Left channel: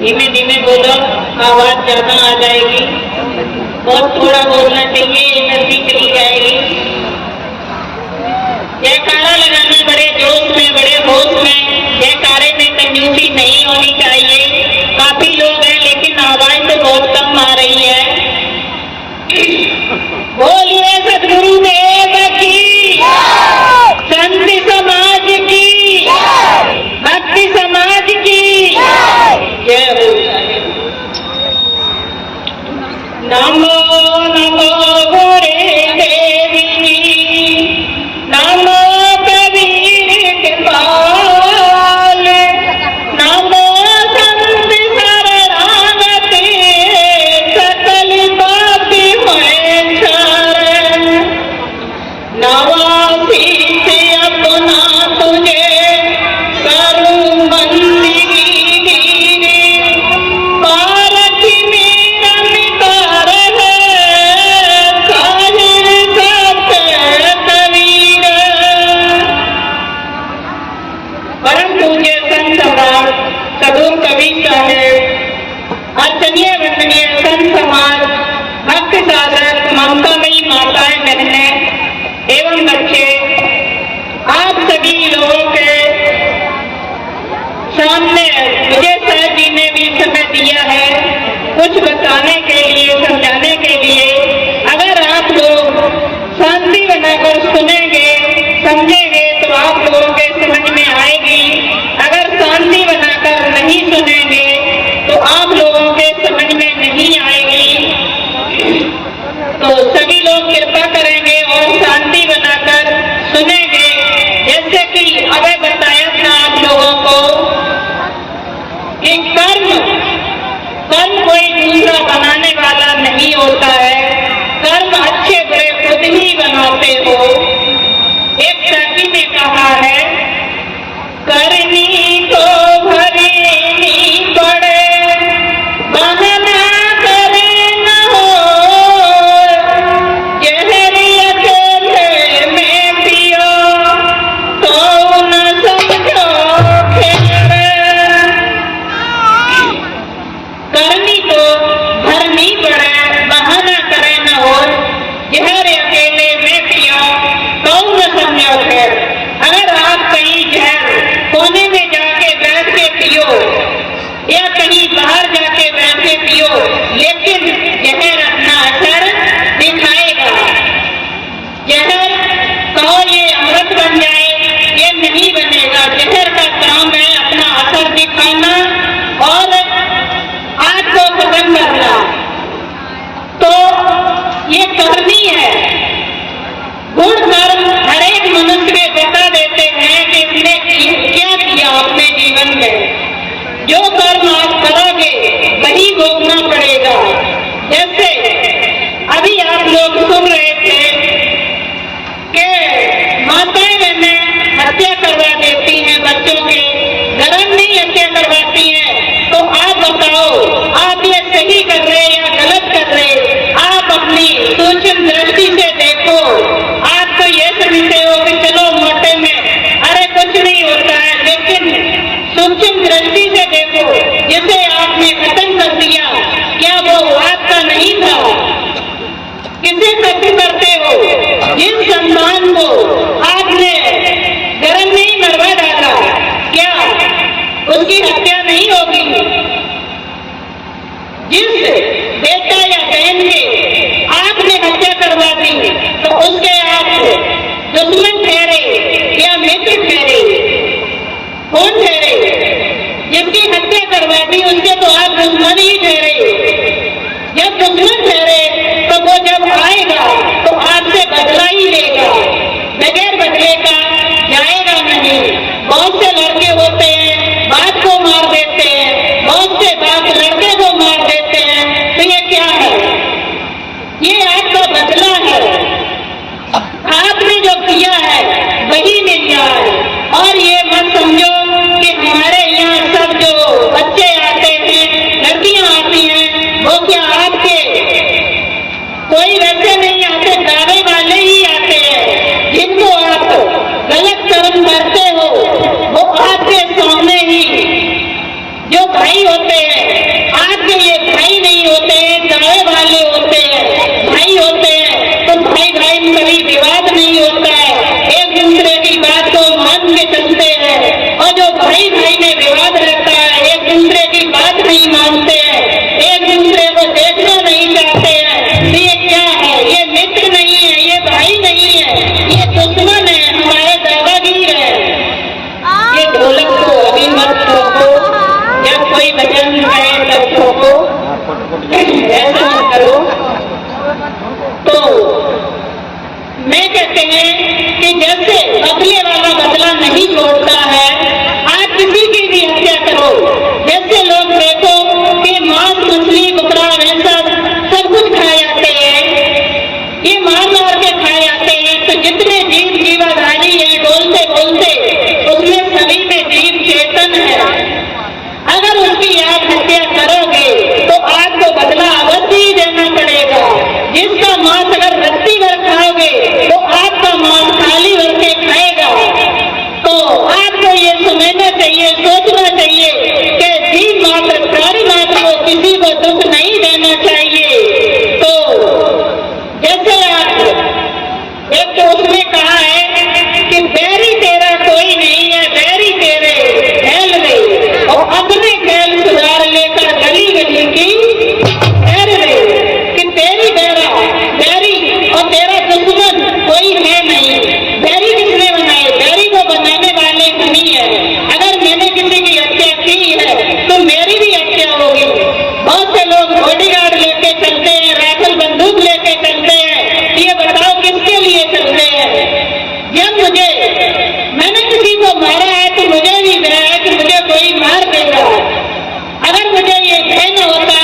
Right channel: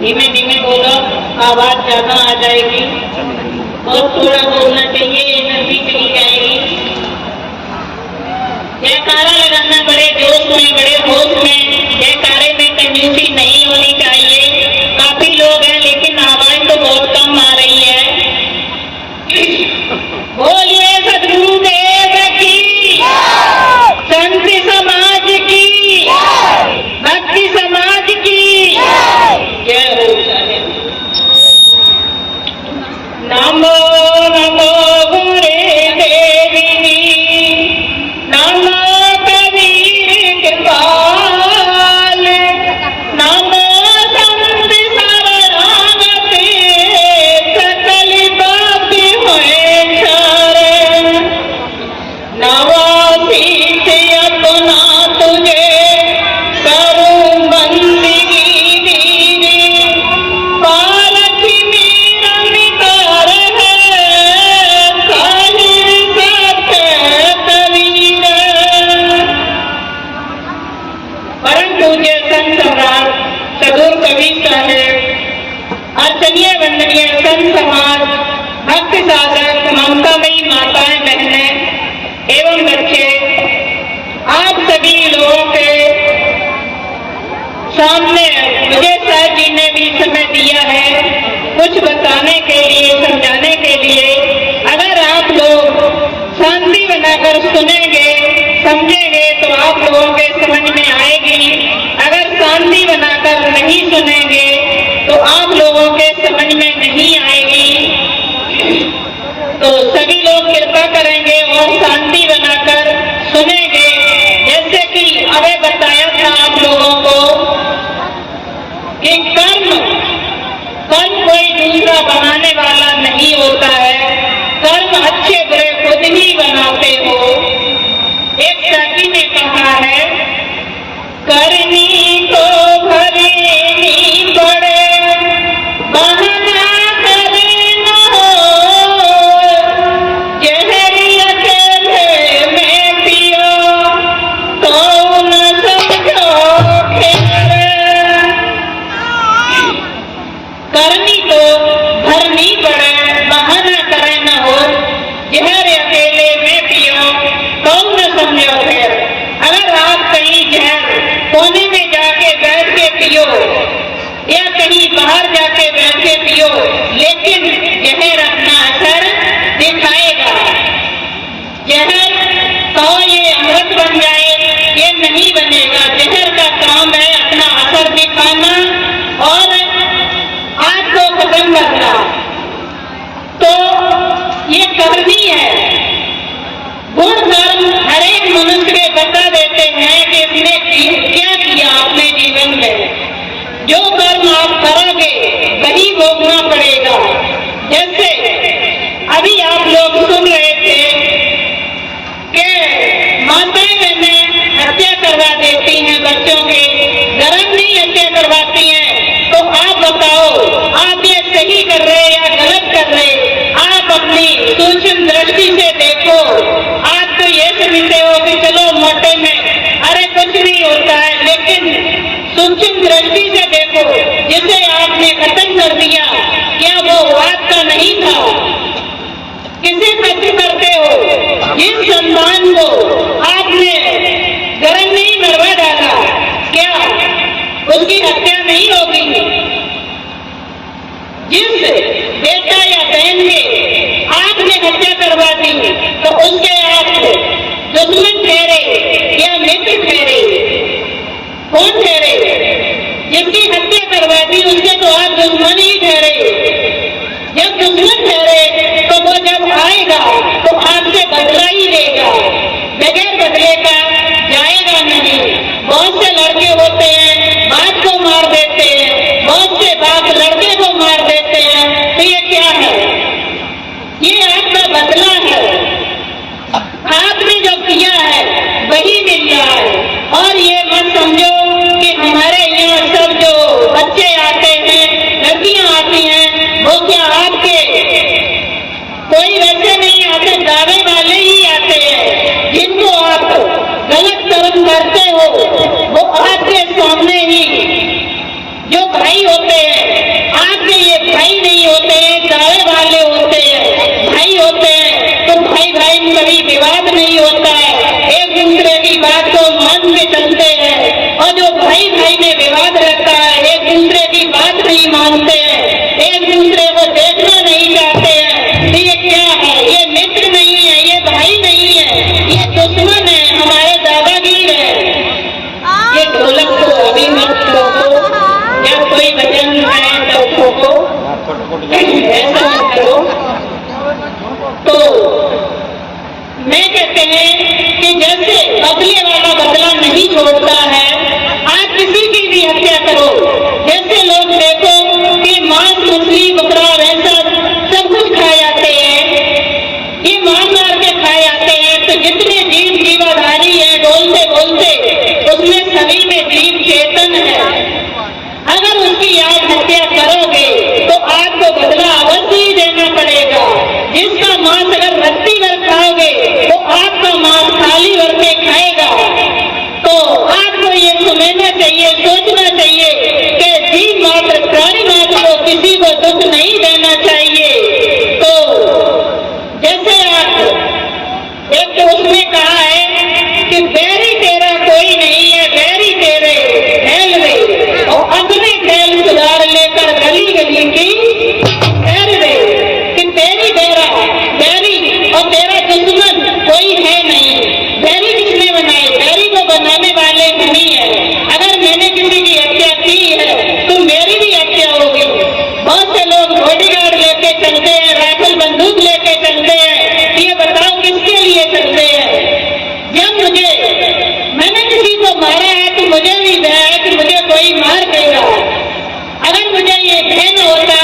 धीमे धीमे बोलो, आवाज ज्यादा आ जाएगी। बहुत थोड़ा बोलना चाहिए, एनर्जी चली जाएगी। जयकारा लगाना बड़े जोश में, बड़े होश में। जयकारे में कंजूसी नहीं होनी चाहिए। काफी लोग हैं लेकिन आवाज तो बहुत कम आ रही है। बोलिए सदगुरुदेव की, संत समाज की, भक्ति समाज की जय हो। नमो नमो गुरे देवी, नमो कबीर कृपाल, नमो संत शरणागति, सकल पापी हुए शरण। नवासी से अपना तुझे करूं बंदगी दीदी, पारख मेरा मितार है, साहिब सत्य कबीर। परम पूज्य संत सम्राट सदगुरु कबीर साहब, आदरणीय वंदनीय संत समाज, भक्त साधक, ममतामयी माताएं, बहनें एवं बच्चे, आप सभी लोगों के सामने विजय साहब जी ने भी समय दिया है कुछ बताने के लिए, समझाने के लिए। अगर आप लोग शांति बनाकर सुनेंगे, समझेंगे तो आप लोगों के समझ में आएगी। अगर शांति बनाकर नहीं सुनेंगे तो आप लोगों के समझ में नहीं आएगी। तो सभी लोग कृपा करेंगे और शांति बनाकर सुनेंगे। जैसे कि अभी बताया था आप लोगों को कि कर्म कोई दूसरा बनाने वाला नहीं होता है। कर्म अच्छे बुरे खुद ही बनाते हो। एक कवि ने कहा है, करनी तो भरनी पड़े, बहाना करे न हो, जहर अकेले में पियो तो न समझो खेल। करनी तो भरनी पड़े, बहाना करे न हो, जहर अकेले में पियो तो न समझो खेल। अगर आप कहीं जहर कोने में जाके बैठ के पियो या कहीं बाहर जाके बैठ के पियो, लेकिन जहर अपना असर दिखाएगा। जहर कहो ये अमृत बन जाए, ये नहीं बनेगा। जहर का काम है अपना असर दिखाना और आग को खत्म करना। तो ये करनी है। गुण कर्म हर एक मनुष्य के बता देते हैं कि इसने क्या किया अपने जीवन में। जो कर्म आज करोगे वही भोगना पड़ेगा। जैसे अभी आप लोग सुन रहे थे कि माताएं बहनें हत्या करवा देती हैं बच्चों के, धर्म नहीं हत्या करवाती हैं। तो आप बताओ, आप ये सही कर रहे या गलत कर रहे? आप अपनी सूक्ष्म दृष्टि से देखो। आप तो ये समझते हो कि चलो मोटे में अरे कुछ नहीं होता है, लेकिन सूक्ष्म दृष्टि से देखो। जिसे आपने खत्म कर दिया, क्या वो आपका नहीं था? किसे खत्म करते हो? जिन सम्मान को आपने गरम नहीं मरवा डाला, क्या उसकी हत्या नहीं होगी? जिस बेटा या बहन के आपने हत्या करवा दी तो उसके आप दुश्मन ठहरे या मित्र ठहरे? कौन ठहरे? जिसकी हत्या करवा दी उसके तो आप दुश्मन ही ठहरे। जब दुश्मन ठहरे तो वो जब आएगा तो आपसे बदला ही लेगा, बगैर बदले का जाएगा नहीं। बहुत से लड़के होते हैं बाप को मार देते हैं, बहुत से बाप लड़के को मार देते हैं। तो ये क्या है? ये आपका बदला है। आपने जो किया है वही मिल जाए। और ये मत समझो कि हमारे यहाँ सब जो बच्चे आते हैं, लड़कियां आती हैं, वो क्या आपके कोई वैसे नहीं आते, दावे वाले ही आते हैं। जिनको आप गलत कर्म करते हो वो होते हैं। आज के ये भाई नहीं होते हैं, दावे वाले होते हैं, भाई होते हैं तो भाई भाई में कभी विवाद नहीं होता है, एक दूसरे की बात को मान के चलते हैं। और जो भाई भाई में विवाद रहता है, एक दूसरे की बात नहीं मानते हैं, एक दूसरे को देखना नहीं चाहते हैं, ये क्या है? ये मित्र नहीं है, ये भाई नहीं है, ये दुश्मन है, हमारे दादागीर है। ये ढोलक को अभी मत ठोको, या कोई भजन गाए तब ठोको, ऐसा मत करो। तो मैं कहते हैं कि जैसे बदले वाला बदला नहीं छोड़ता है, आज किसी की भी हत्या करो। जैसे लोग देखो कि मांस मछली बकरा भैंसा सब कुछ खाए जाते हैं, ये मार के खाए जाते हैं, तो जितने जीव जीवाधारी है बोलते बोलते उसमें सभी में जीव चेतन है। अगर उसकी आप हत्या करोगे तो आपको बदला अवश्य ही देना पड़ेगा। जिसका मांस अगर रत्ती भर खाओगे तो आपका मांस थाली भर के खाएगा। तो आपको ये समझना चाहिए, सोचना चाहिए कि जीव मात्र प्राणी मात्र को किसी को दुख नहीं देना चाहिए। तो जैसे आप एक तो उसमें कहा है कि बैरी तेरा कोई नहीं है, बैरी तेरे खेल में, और अपने खेल सुधार लेकर गली गली की खैर दे कि तेरी बैरी और तेरा दुश्मन कोई है नहीं। बैरी किसने बनाए? बैरी को बनाने वाले नहीं है। अगर मैंने किसी की हत्या की है तो मेरी भी हत्या होगी। बहुत से लोग बॉडीगार्ड लेके चलते हैं, राइफल बंदूक लेके चलते हैं, ये बताओ किसके लिए चलते हैं? जब मैंने किसी को मारा है तो मुझे भी भय है कि मुझे कोई मार देगा। अगर मुझे ये भय न होता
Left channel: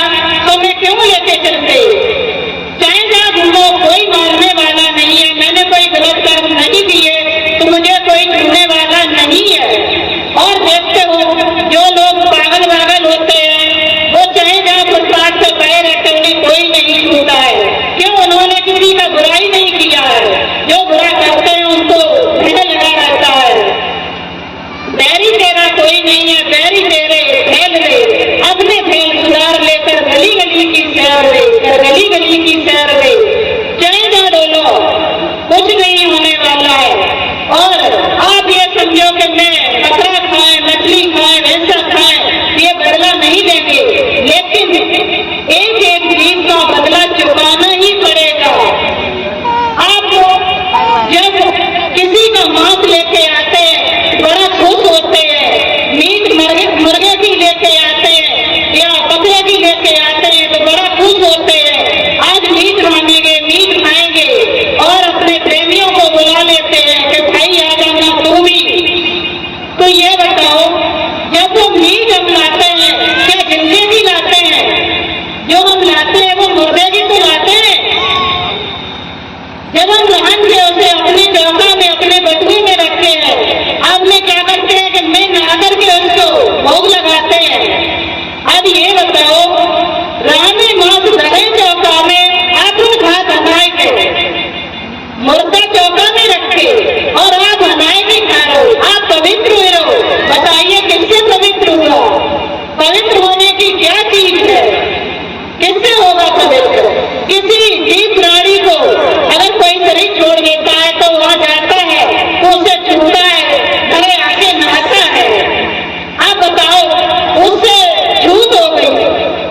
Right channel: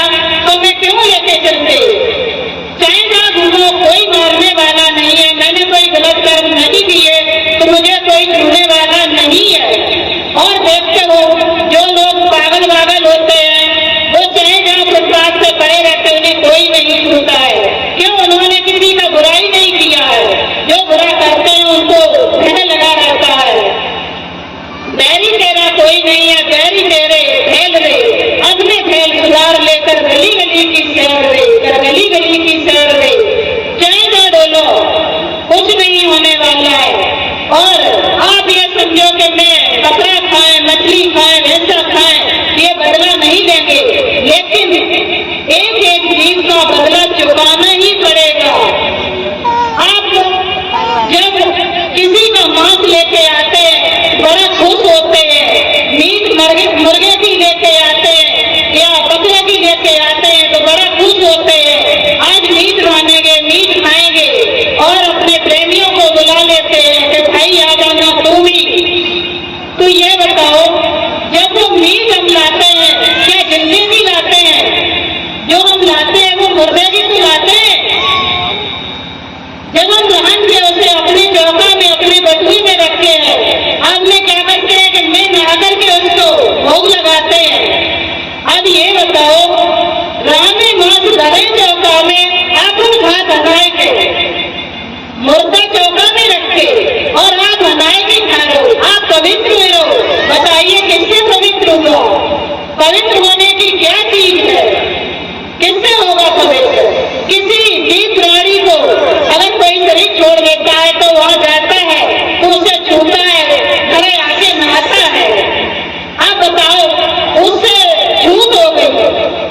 तो मैं क्यों लेके चलते? चाहे जहाँ घूमो कोई मारने वाला नहीं है, मैंने कोई गलत कर्म नहीं किए तो मुझे कोई छूने वाला नहीं है। और देखते हो जो लोग पागल वागल होते हैं वो चाहे जहाँ फुटपाथ से पड़े रहते उन्हें कोई नहीं छूता है। क्यों? उन्होंने किसी का बुराई नहीं किया है। जो बुरा करते हैं उनको भय लगा रहता है। बैरी तेरा कोई नहीं है, बैरी तेरे फैल रे, अपने फैल सुधार लेकर गली गली की सैर रे, गली गली की सैर रे। चाहे ना डोलो, कुछ नहीं होने वाला है। और आप ये समझो कि मैं बकरा खाए, मछली खाए, भैंसा खाए, ये बदला नहीं देंगे, लेकिन एक एक जीव का बदला चुकाना ही पड़ेगा। आप जब किसी का मांस लेके आते हैं बड़ा खुश होते हैं, मीट मुर्गे की लेके आते हैं या बकरे की लेके आते हैं तो बड़ा खुश होते हैं। आज मीट मानेंगे, मीट खाएंगे और अपने प्रेमियों को बुला लेते हैं कि भाई आ जाना तू भी। तो ये बताओ, जब वो मीट हम लाते हैं क्या जिंदे भी लाते हैं? जो हम लाते हैं वो मुर्गे की तो लाते हैं। जब हम लहन के उसे अपने चौका में अपने बटुए में रखते हैं, आपने क्या करते हैं कि मैं नहा करके उसको भोग लगाते हैं। अब ये बताओ, रानी मांस धरे चौका में आप खा धनाए के मुर्गा चौका में रखे और आप हनाए के खा रहे हो, आप पवित्र हुए रहो। बताइए किससे पवित्र हुआ? पवित्र होने की क्या चीज है? किससे होगा पवित्र? किसी जीव प्राणी को अगर कोई शरीर छोड़ देता है तो वहां जाता है तो उसे छूता है, घरे आके नहाता है। आप बताओ, उससे छूत हो गई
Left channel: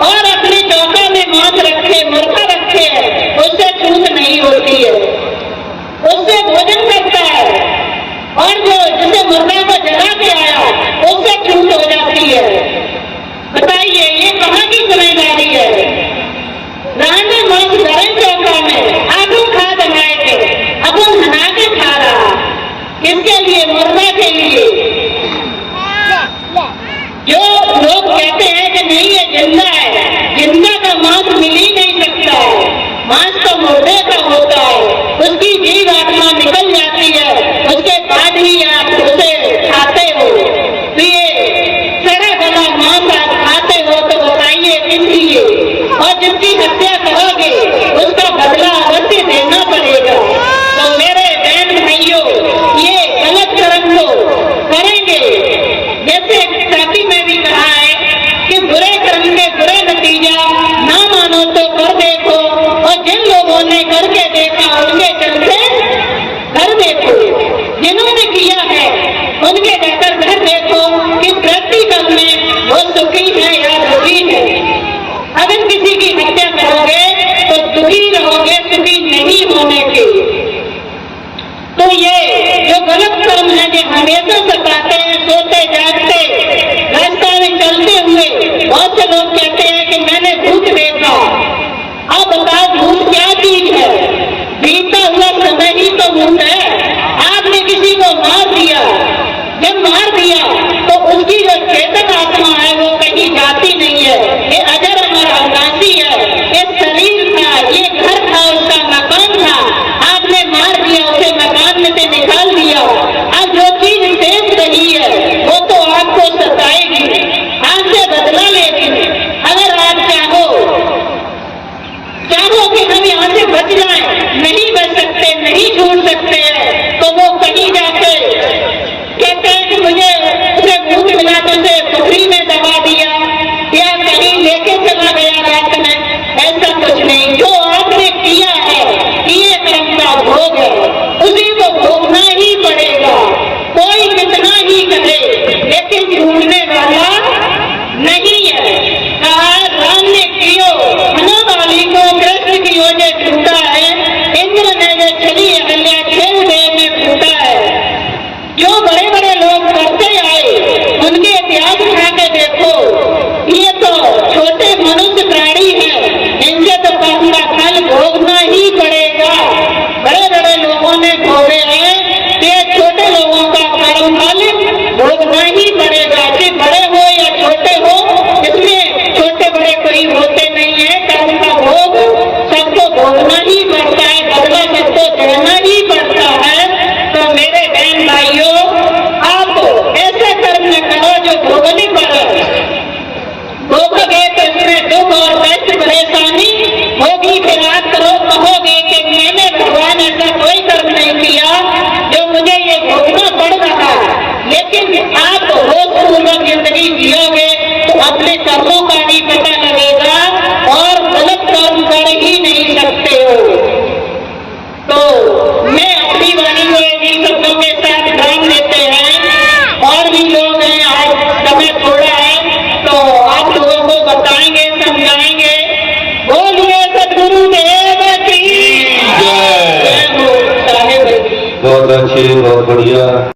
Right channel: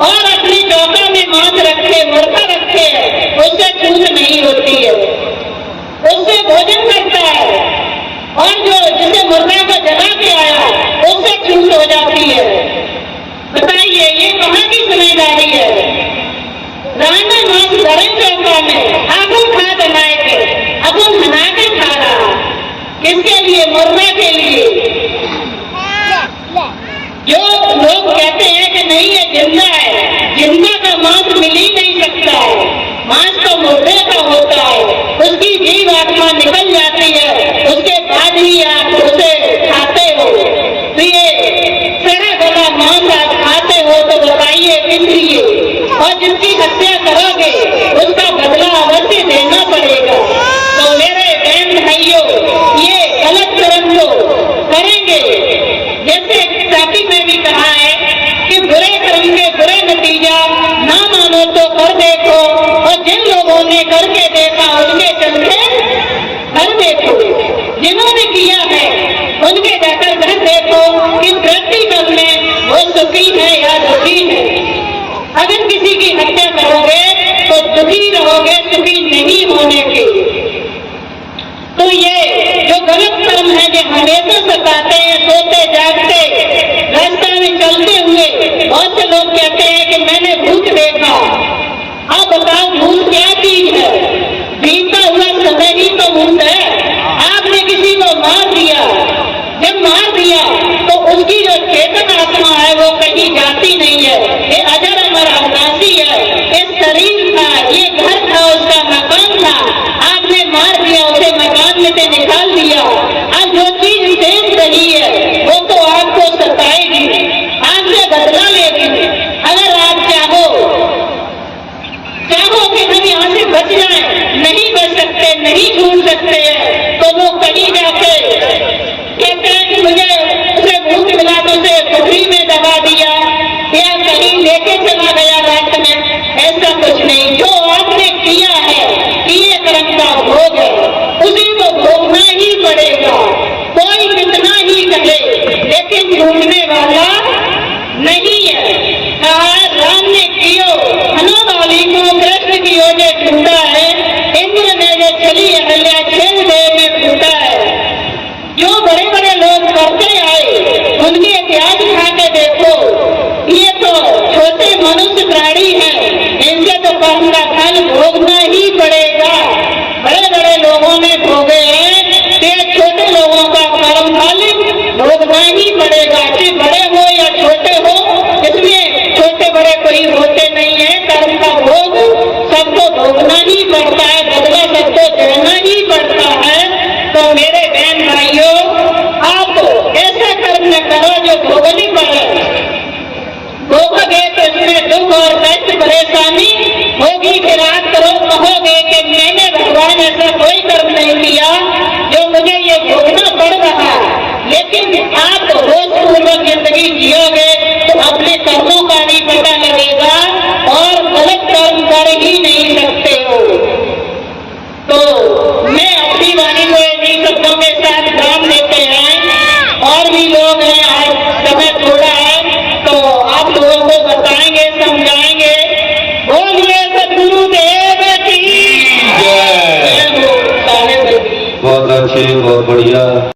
और अपनी चौका में मांस रखे, मुर्गा रखे है, उससे छूत नहीं होती है, उससे भोजन करता है। और जो जिसे मुर्गा को जगा के आया उससे छूट हो जाती है। बताइए ये कहाँ की समझदारी है? राना मांस धरे चौका में आगुन खा बनाए थे, अगुन हना के खा रहा। किसके लिए? मुर्गा के लिए। जो लोग कहते हैं कि नहीं ये जिंदा है, जिंदा का मांस मिल ही नहीं सकता है, मांस तो मुर्गे का होता है, उसकी जीव आत्मा निकल जाती है, उसके बाद ही आप उसे खाते हो। तो ये सड़ा गला मांस आप खाते हो तो बताइए किस लिए? और जिसकी हत्या करोगे उसका बदला अवश्य देना पड़ेगा। तो मेरे बहन भाइयों, ये गलत कर्म को करेंगे। जैसे साथी में भी कहा है कि बुरे की हत्या करोगे तो दुखी रहोगे, सुखी नहीं होने के। तो ये जो गलत कर्म है, जो हमेशा सताते हैं, सोते जागते रास्ता में चलते हुए, बहुत से लोग कहते हैं कि मैंने भूत देखा। अब बताओ भूत क्या चीज है? बीता हुआ समय ही तो भूत है। आपने किसी को मार दिया, जब मार दिया तो उसकी जो चेतन आत्मा है वो कहीं जाती नहीं है। ये अजर अमर अविनाशी है। ये शरीर था, ये घर था, उसका मकान था, आपने मार दिया, उसे मकान में से निकाल दिया। अब जो चीज शेष रही है वो तो आपको सताएगी, आपसे बदला लेगी। अगर आप चाहो कि हम यहाँ से बच जाए, नहीं बच सकते, नहीं छूट सकते हैं, तो वो कहीं जाके कहते हैं कि मुझे उसे भूत मिला तो उसे पुखरी में दबा दिया या कहीं लेके चला गया रात में। ऐसा कुछ नहीं। जो आपने किया है, किए कर्म का भोग है, उसी को भोगना ही पड़ेगा। कोई कितना ही करे लेकिन छूटने वाला नहीं है। राम ने कियो हनुमाली को कृष्ण की ओर ने छूटा है, इंद्र ने जो चली अहल्या छेद देव में फूटा है। जो बड़े बड़े लोग करते आए उनके इतिहास उठा के देखो, ये तो छोटे मनुष्य प्राणी हैं, इनसे तो कर्म का फल भोगना ही पड़ेगा। बड़े बड़े लोगों ने भोगे हैं, तो छोटे लोगों का कर्म फल भोगना ही पड़ेगा। चाहे बड़े हो या छोटे हो, इसमें छोटे बड़े कोई होते नहीं है। कर्म का भोग सबको भोगना ही पड़ता है, बदला सबको देना ही पड़ता है। तो मेरे बहन भाइयों, आप ऐसा कर्म करो जो भोगनी पड़े। भोगोगे तो इसमें दुख और कष्ट परेशानी होगी। फिर आप करो कहोगे कि मैंने भगवान ऐसा कोई कर्म नहीं किया जो मुझे ये भोगना पड़ रहा। लेकिन आप होशपूर्वक जिंदगी जियोगे तो अपने कर्मों का भी पता लगेगा और गलत कर्म कर ही नहीं सकते हो। तो मैं अपनी वाणी को इन्हीं शब्दों के साथ ध्यान देते हैं। और भी लोग हैं, आज समय थोड़ा है तो आप लोगों को बताएंगे, समझाएंगे। बोलिए सद्गुरुदेव की जय। बहुत अच्छी, बहुत बढ़िया।